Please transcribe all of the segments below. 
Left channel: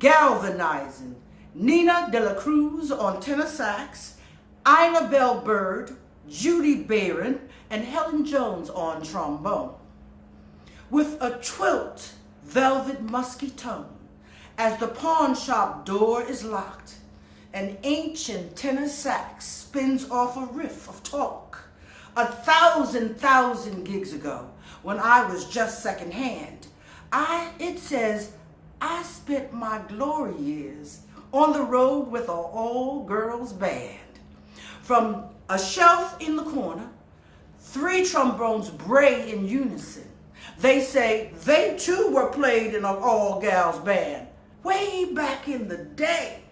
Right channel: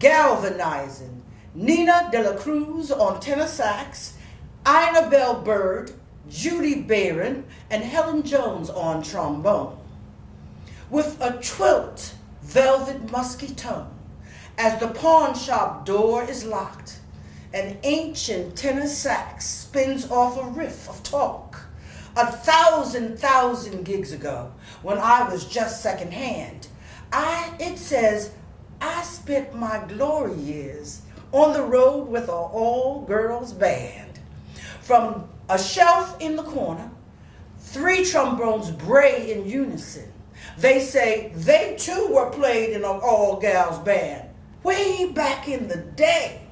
galvanizing, Nina De La Cruz on tenor sax, Ina Bell Bird, Judy Barron, and Helen Jones on trombone. With a twilt velvet musky tone, as the pawn shop door is locked, an ancient tenor sax spins off a riff of talk. 1,000 gigs ago, when I was just secondhand, it says, I spent my glory years on the road with an all-girls band. From a shelf in the corner, 3 trombones bray in unison. They say they too were played in an all-gals band way back in the day.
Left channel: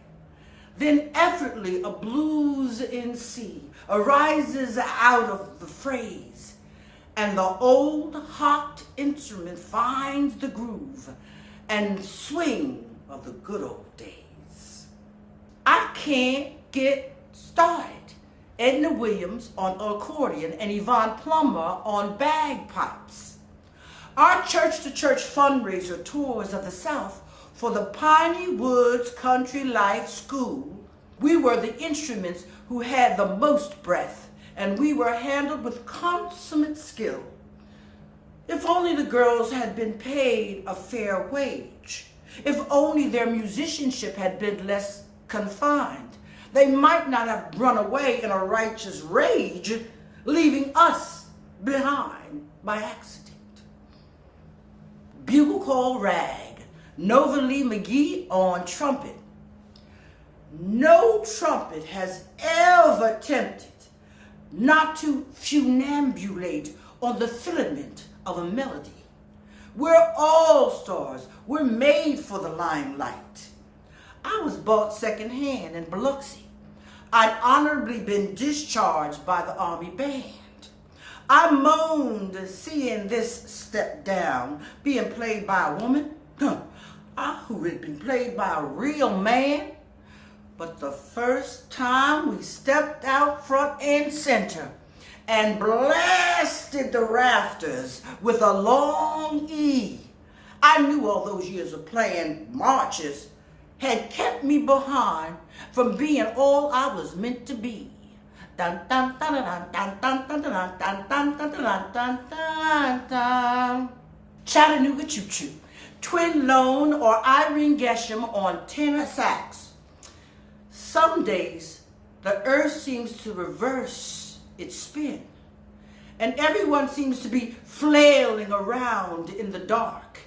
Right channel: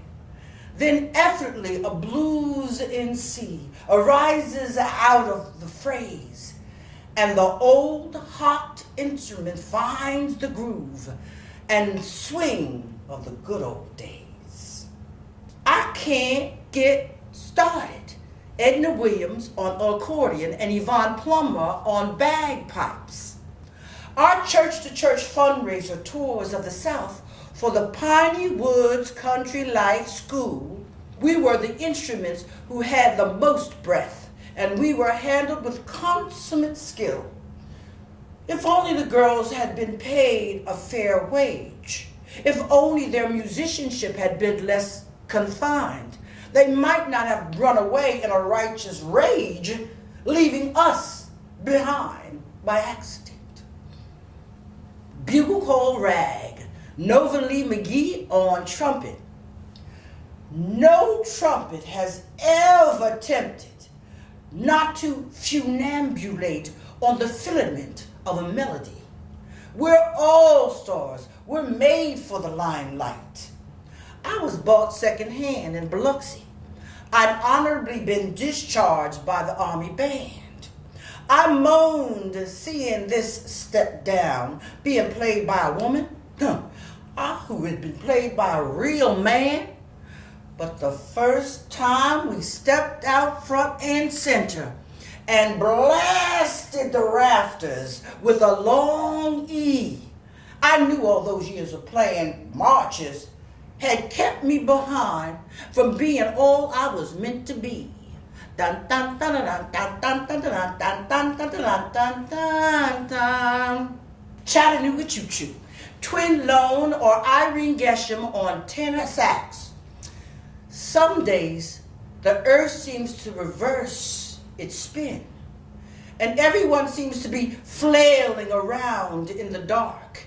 Then effortlessly a blues in C arises out of the phrase, and the old hot instrument finds the groove and swing of the good old days. I can't get started. Edna Williams on accordion and Yvonne Plummer on bagpipes. Our church-to-church fundraiser tours of the South for the Piney Woods Country Life School, we were the instruments who had the most breath, and we were handled with consummate skill. If only the girls had been paid a fair wage, if only their musicianship had been less confined, they might not have run away in a righteous rage, leaving us behind by accident. Bugle call rag, Nova Lee McGee on trumpet. No trumpet has ever attempted not to funambulate on the filament of a melody. We're all stars. We're made for the limelight. I was bought secondhand in Biloxi. I'd honorably been discharged by the Army Band. I moaned seeing this step down being played by a woman who had been played by a real man. But the first time we stepped out front and center and blasted the rafters with a long E, I knew all those years of playing marches had kept me behind from being all I was meant to be. Dun dun dun dun dun dun dun dun dun dun dun dun dun dun dun. Chattanooga Choo Choo, Twin Lone or Irene Gesham on tenor sax. Some days the earth seems to reverse its spin, and everyone seems to be flailing around in the dark.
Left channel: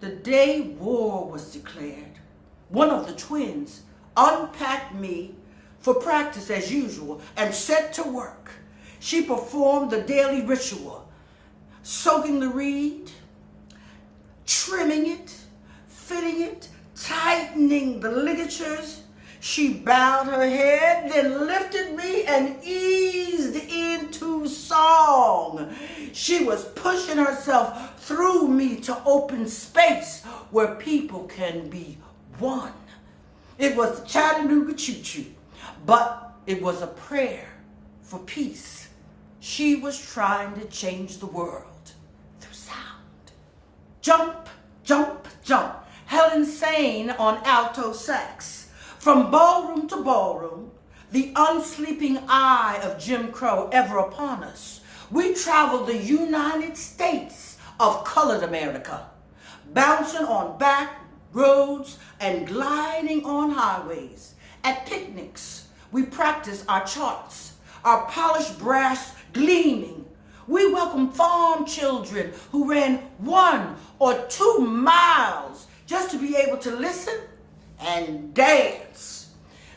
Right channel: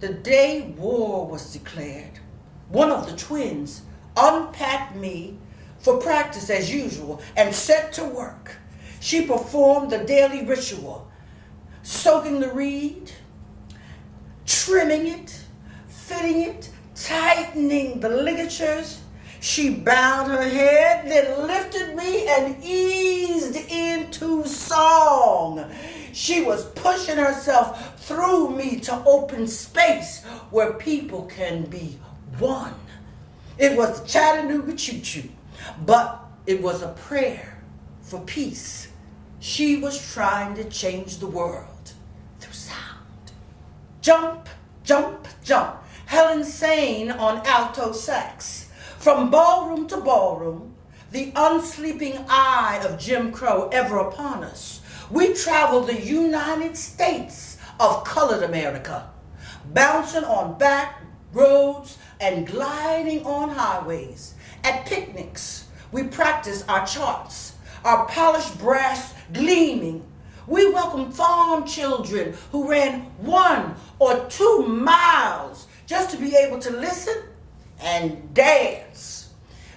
The day war was declared, one of the twins unpacked me for practice as usual and set to work. She performed the daily ritual, soaking the reed, trimming it, fitting it, tightening the ligatures. She bowed her head, then lifted me and eased into song. She was pushing herself through me to open space where people can be one. It was Chattanooga Choo Choo, but it was a prayer for peace. She was trying to change the world through sound. Jump, jump, jump. Helen Sane on alto sax. From ballroom to ballroom, the unsleeping eye of Jim Crow ever upon us, we traveled the United States of colored America, bouncing on back roads and gliding on highways. At picnics, we practiced our charts, our polished brass gleaming. We welcomed farm children who ran 1 or 2 miles just to be able to listen and dance.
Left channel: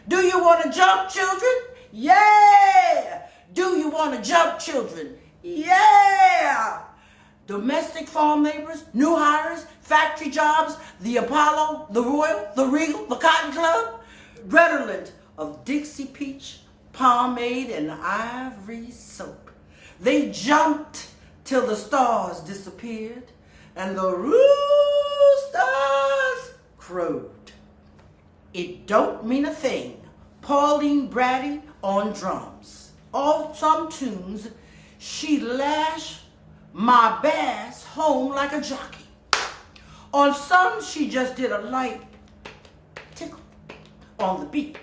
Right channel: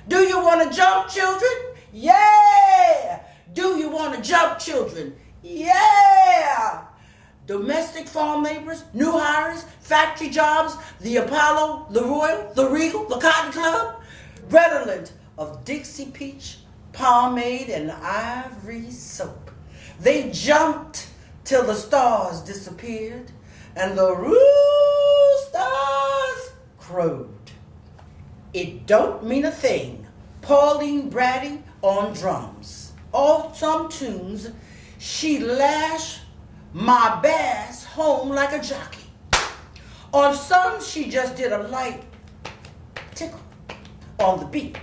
Do you want to jump, children? Yeah! Do you want to jump, children? Yeah! Domestic farm laborers, new hires, factory jobs, the Apollo, the Royal, the Regal, the Cotton Club, redolent of Dixie peach, pomade, and ivory soap. They jumped till the stars disappeared and the roosters crowed. It don't mean a thing. Pauline Brady on drums. On some tunes, she lashed my bass home like a jockey. On some, she just did a light tickle on the beat.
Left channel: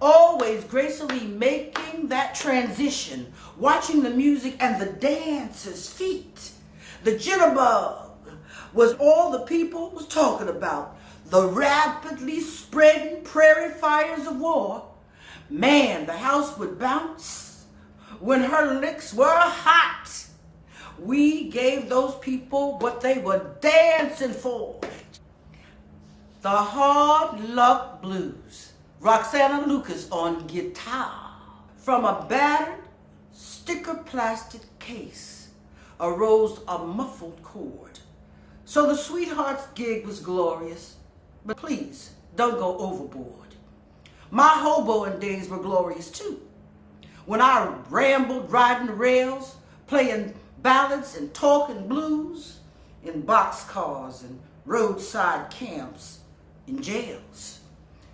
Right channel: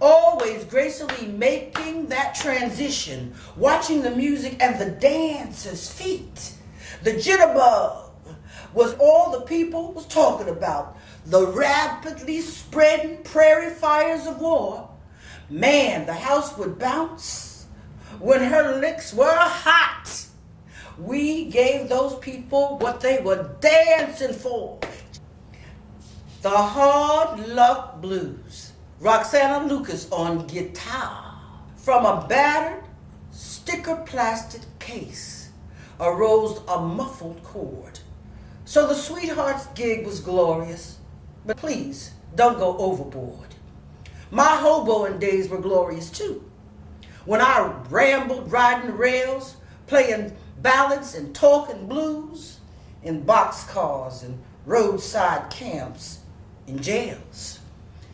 Always gracefully making that transition, watching the music and the dancers' feet. The jitterbug was all the people was talking about. The rapidly spreading prairie fires of war. Man, the house would bounce when her licks were hot. We gave those people what they were dancing for. The Hard Luck Blues. Roxana Lucas on guitar. From a battered, sticker-plastic case arose a muffled chord. So the Sweethearts gig was glorious, but please don't go overboard. My hoboing days were glorious too. When I rambled riding the rails, playing ballads and talking blues in boxcars and roadside camps in jails.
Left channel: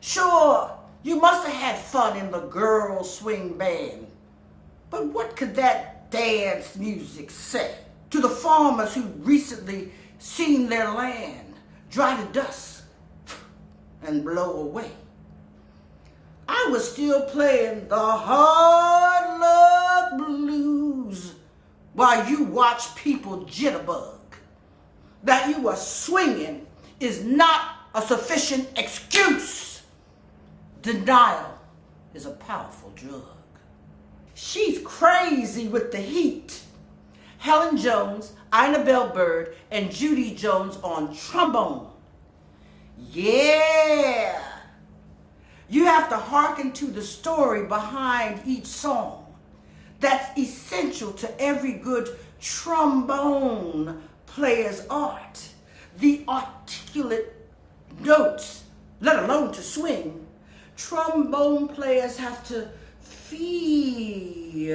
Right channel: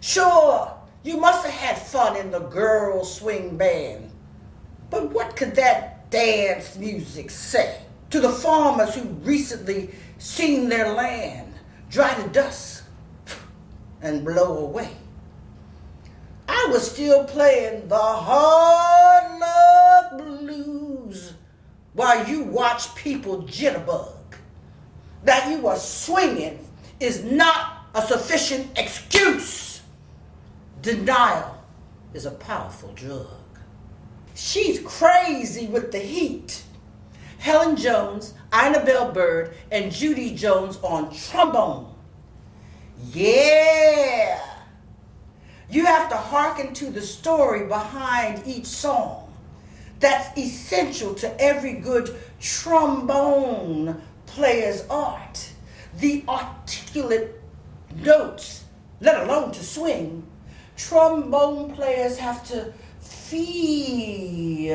Sure, you must have had fun in the girl swing band, but what could that dance music say to the farmers who recently seen their land dry to dust and blow away? I was still playing the Hard Luck Blues while you watch people jitterbug. That you were swinging is not a sufficient excuse. Denial is a powerful drug. She's crazy with the heat. Helen Jones, Ina Bell Bird, and Judy Jones on trombone. Yeah. You have to hearken to the story behind each song. That's essential to every good trombone player's art. The articulate notes, let alone to swing, trombone players have to feel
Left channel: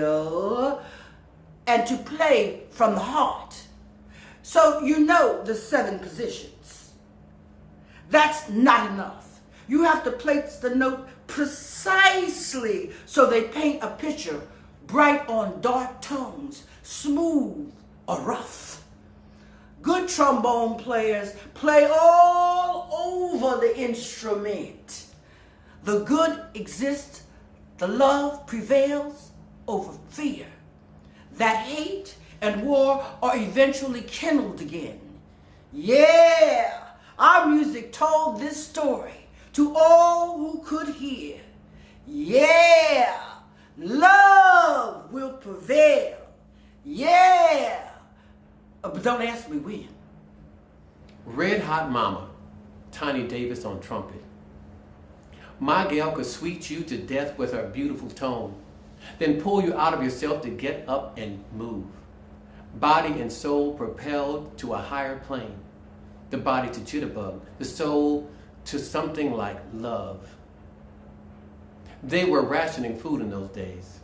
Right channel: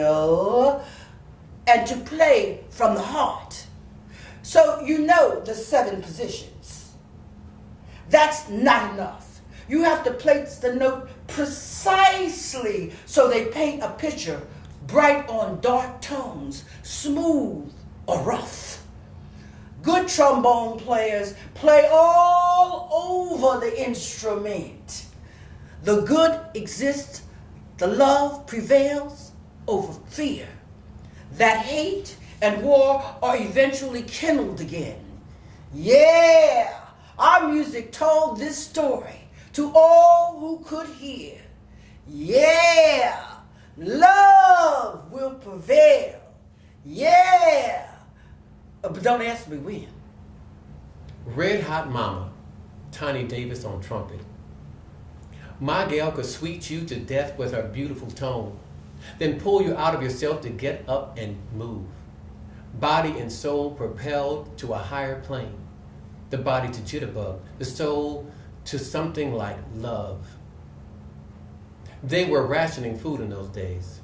and to play from the heart. So you know the 7 positions. That's not enough. You have to place the note precisely so they paint a picture, bright on dark tones, smooth or rough. Good trombone players play all over the instrument. The good exists, the love prevails over fear. That hate and war are eventually kindled again. Yeah, our music told this story to all who could hear. Yeah, love will prevail. Yeah. But don't ask me when. Red Hot Mama, Tiny Davis on trumpet. My gal could sweet you to death with her beautiful tone, then pull you out of yourself to get up and move. Body and soul propelled to a higher plane. The body to jitterbug, the soul to something like love. They were rationing food in those days.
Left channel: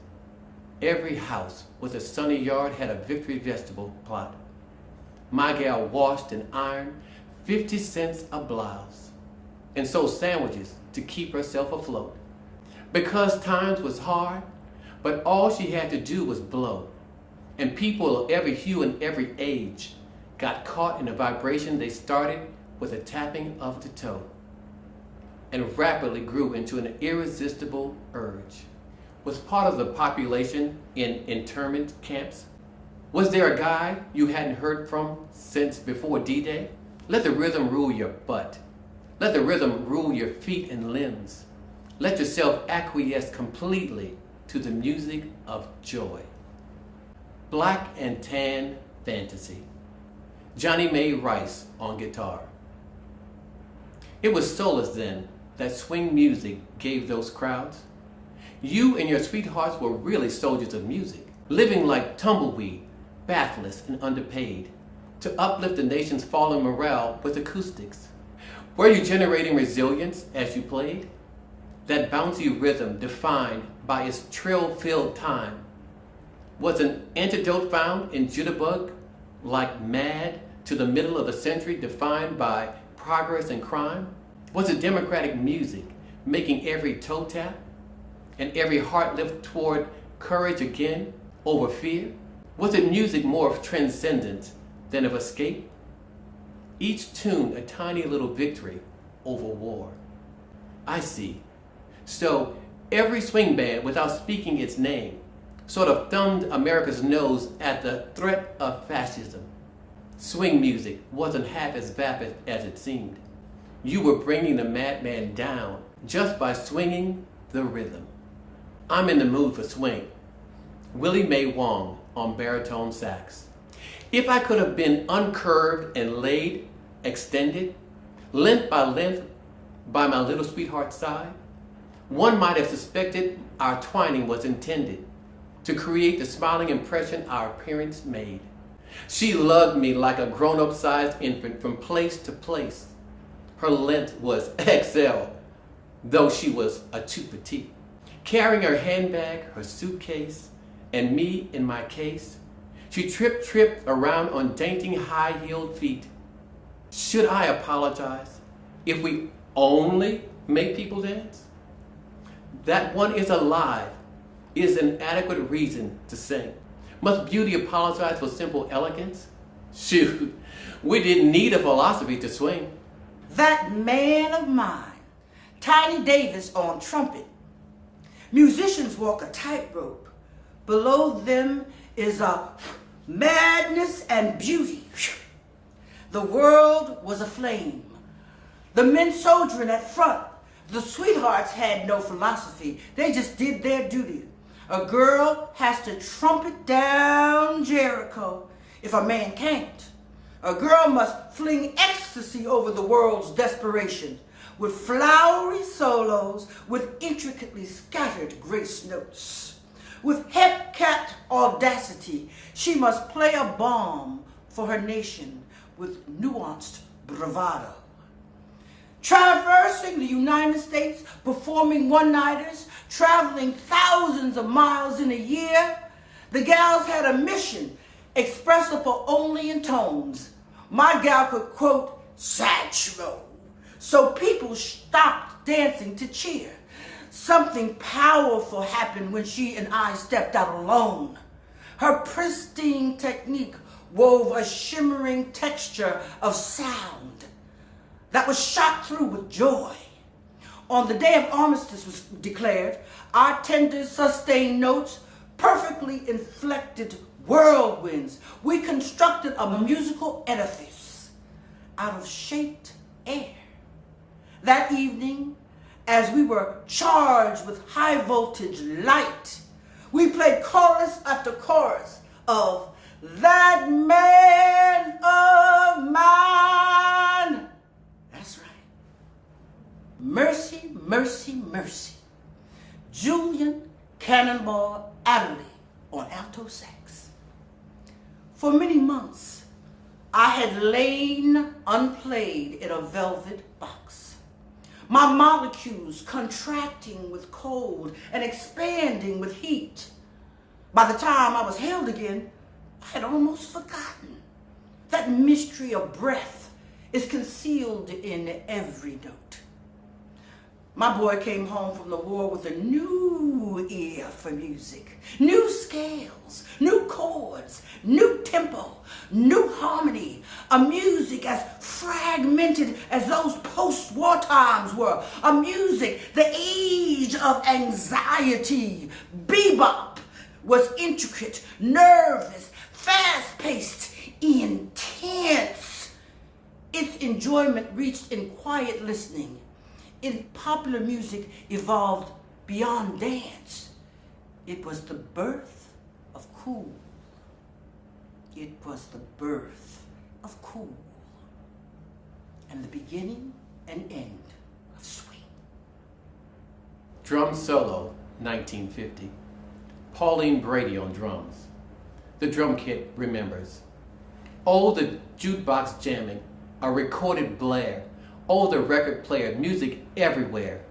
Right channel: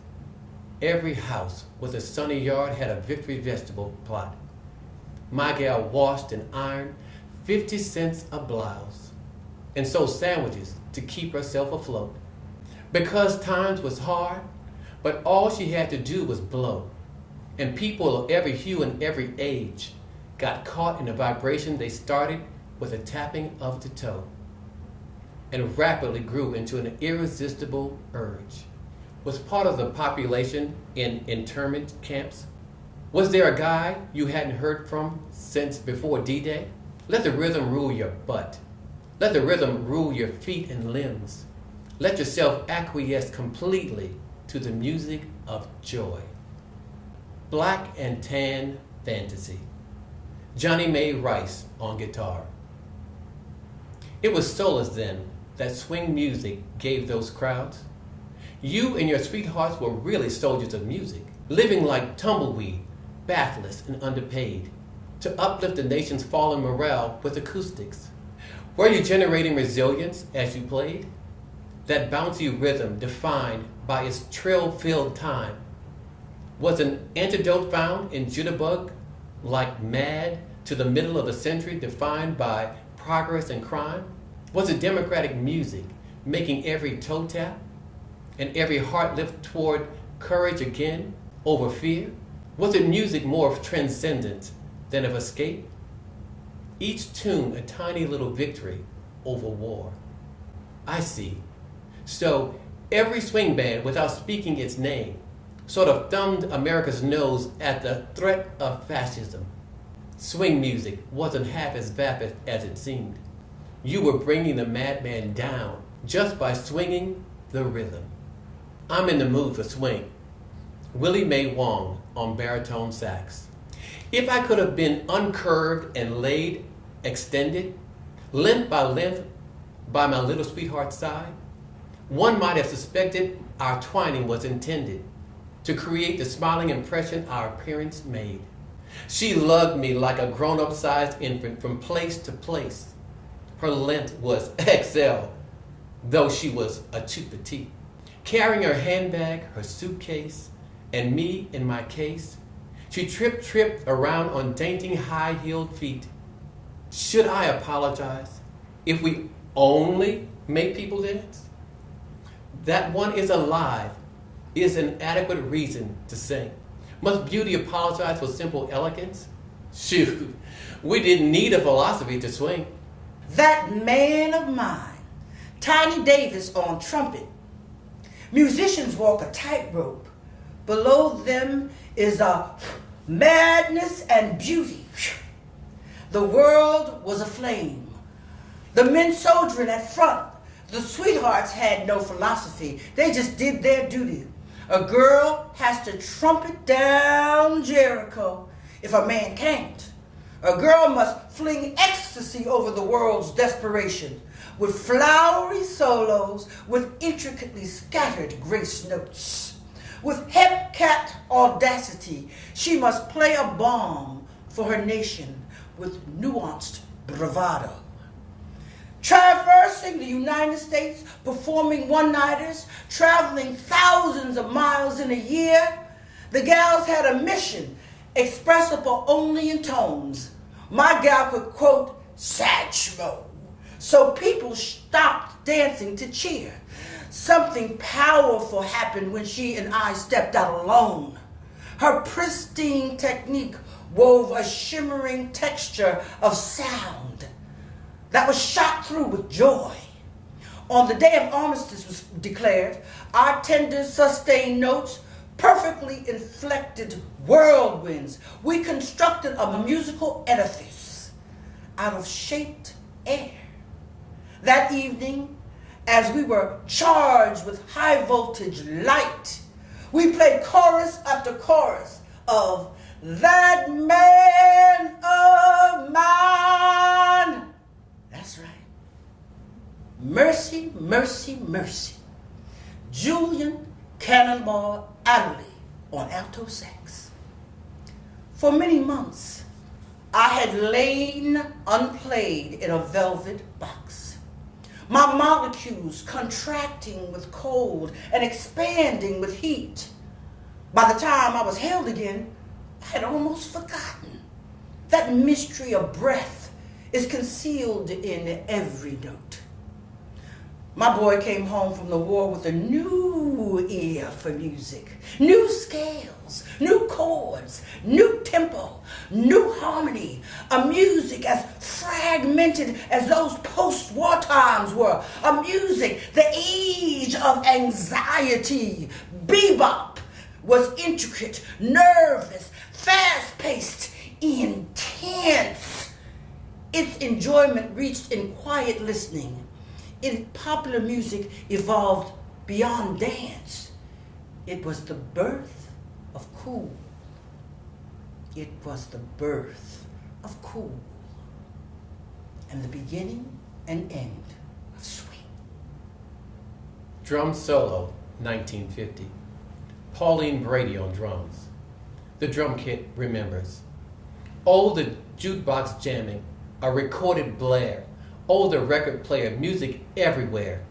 Every house with a sunny yard had a Victory vegetable plot. My gal washed and ironed 50 cents a blouse and sold sandwiches to keep herself afloat. Because times was hard, but all she had to do was blow. And people of every hue and every age got caught in the vibration they started with a tapping of the toe and rapidly grew into an irresistible urge. Was part of the population in internment camps? Was there a guy you hadn't heard from since before D-Day? Let the rhythm rule your butt. Let the rhythm rule your feet and limbs. Let yourself acquiesce completely to the music of joy. Black and Tan Fantasy. Johnny May Rice on guitar. It was solace then that swing music gave those crowds. You and your sweethearts were really soldiers of music, living like tumbleweed, bathless and underpaid, to uplift the nation's fallen morale with acoustics. Were you generating resilience as you played? That bouncy rhythm defined by its trill-filled time. Was an antidote found in jitterbug, like mad, to the middle of the century defined by progress and crime? Was it democratic music making every toe tap and every heart lift toward courage again over fear? Was it music more of transcendence than of escape? Each tune a tiny little victory over war. I see. So every swing band, without speaking its name, sort of thumbed America's nose at the threat of fascism. Swing music wasn't half as vapid as it seemed. You were bringing the madman down just by swinging the rhythm. I'm in the mood for swing. Willie Mae Wong on baritone sax. If I could have been uncurved and laid, extended, length by my little sweetheart's side, one might have suspected our twining was intended to create the smiling impression our parents made. She loved me like a grown-up sized infant from place to place. Her length was XL, though she was a too petite. Carrying her handbag, her suitcase, and me in my case, she tripped around on dainty high-heeled feet. Should I apologize if we only make people dance? That one is alive is an adequate reason to sing. Must beauty apologize for simple elegance? Shoot, we didn't need a philosophy to swing. That man of mine, Tiny Davis on trumpet. Musicians walk a tightrope. Below them is a madness and beauty. The world was aflame. The men soldiering at front. The sweethearts had no philosophy. They just did their duty. A girl has to trumpet down Jericho if a man can't. A girl must fling ecstasy over the world's desperation with flowery solos, with intricately scattered grace notes. With hepcat audacity, she must play a bomb for her nation with nuanced bravado. Traversing the United States, performing one-nighters, traveling thousands of miles in a year, the gals had a mission expressible only in tones. My gal could quote Satchmo, so people stopped dancing to cheer. Something powerful happened when she and I stepped out alone. Her pristine technique wove a shimmering texture of sound that was shot through with joy. On the day of armistice was declared, our tender sustained notes perfectly inflected whirlwinds. We constructed a musical edifice out of shaped air. That evening, as we were charged with high voltage light, we played chorus after chorus of That Man of Mine. That's right. Mercy, mercy, mercy. Julian Cannonball Adderley on alto sax. For many months, I had lain unplayed in a velvet box. My molecules contracting with cold and expanding with heat. By the time I was held again, I had almost forgotten. That mystery of breath is concealed in every note. My boy came home from the war with a new ear for music, new scales, new chords, new tempo, new harmony, a music as fragmented as those post-war times were, a music, the age of anxiety. Bebop was intricate, nervous, fast-paced, intense. Its enjoyment reached in quiet listening. In popular music evolved beyond dance. It was the birth of cool. It was the birth of cool. And the beginning and end of swing. Drum solo, 1950. Pauline Brady on drums. The drum kit remembers. Oh, the jukebox jamming, a recorded blare. Oh, the record player, music everywhere.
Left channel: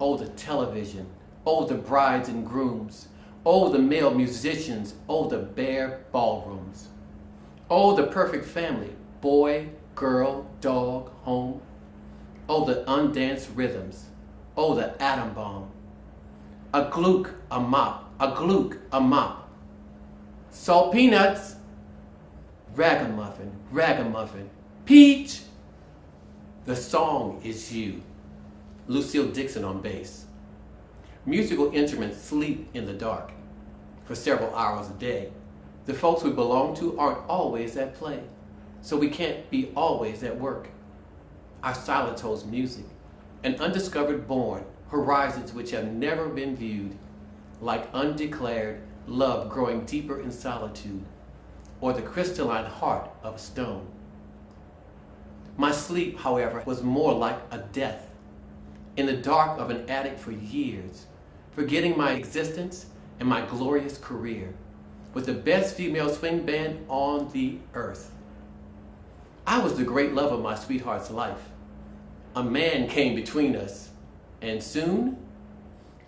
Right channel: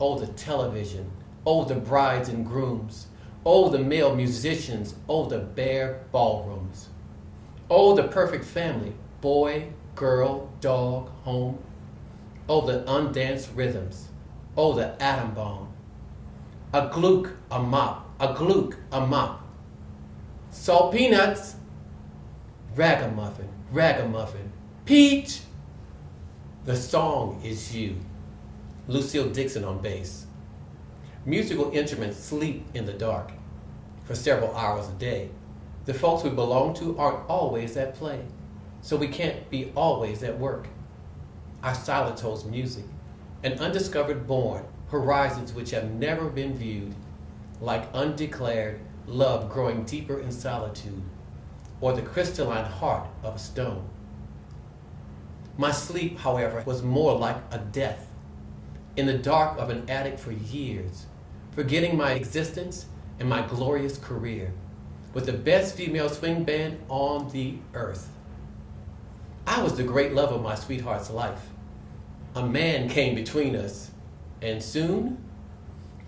Oh, the television. Oh, the brides and grooms. Oh, the male musicians. Oh, the bare ballrooms. Oh, the perfect family. Boy, girl, dog, home. Oh, the undanced rhythms. Oh, the atom bomb. A gluck, a mop. A gluck, a mop. Salt peanuts. Ragamuffin, ragamuffin. Peach. The song is you. Lucille Dixon on bass. Musical instruments sleep in the dark for several hours a day. The folks we belong to aren't always at play, so we can't be always at work. Our silence holds music, an undiscovered born, horizons which have never been viewed, like undeclared love growing deeper in solitude, or the crystalline heart of a stone. My sleep, however, was more like a death, in the dark of an attic for years, forgetting my existence and my glorious career, with the best female swing band on the earth. I was the great love of my sweetheart's life. A man came between us, and soon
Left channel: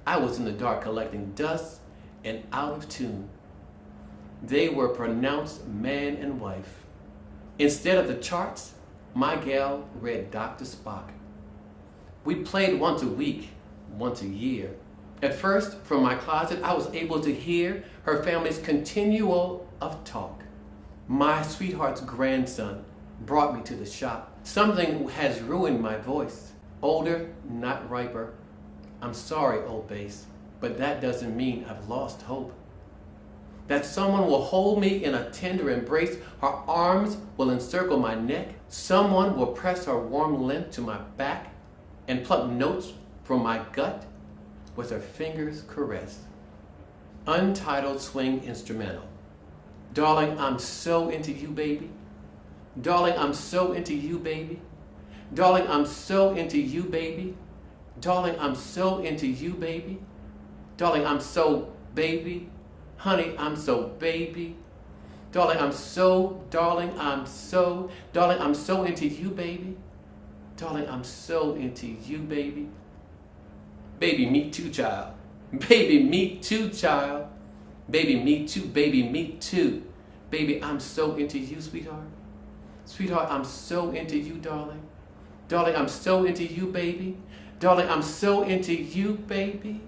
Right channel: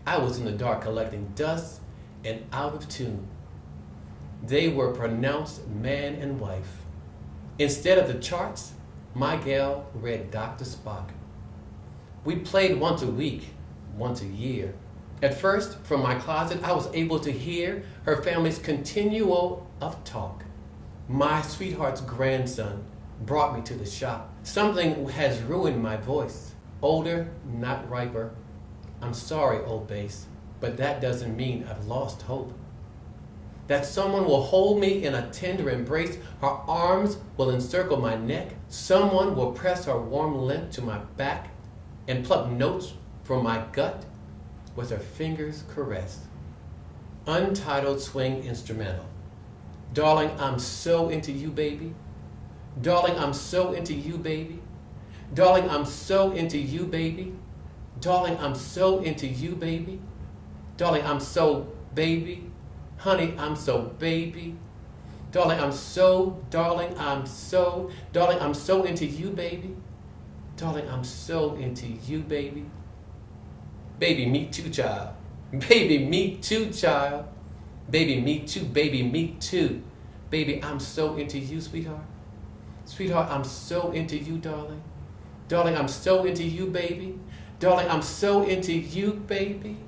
I was in the dark collecting dust and out of tune. They were pronounced man and wife. Instead of the charts, my gal read Dr. Spock. We played once a week, once a year. At first, from my closet, I was able to hear her family's continual of talk. My sweetheart's grandson brought me to the shop. Something has ruined my voice. Older, not riper. I'm sorry, old bass, but that doesn't mean I've lost hope. That someone will hold me in a tender embrace, her arms will encircle my neck, someone will press her warm length to my back and pluck notes from my gut with her fingers caress. Untitled swing instrumental. Darling, I'm so into you, baby. Darling, I'm so into you, baby. Darling, I'm so into you, baby. Darling, I'm so into you, baby. Darling, I'm so baby. Honey, I'm so baby. Darling, I'm so, darling, I'm so, darling, I'm so into you, baby. Darling, I'm so into you, baby. Baby, me too, child. Baby, me too, child. Baby, me too, baby, me too. Baby, I'm so into you, sweetheart. Sweetheart, I'm so into you, darling. Darling, I'm so into you, baby. Darling, I'm so into you, baby.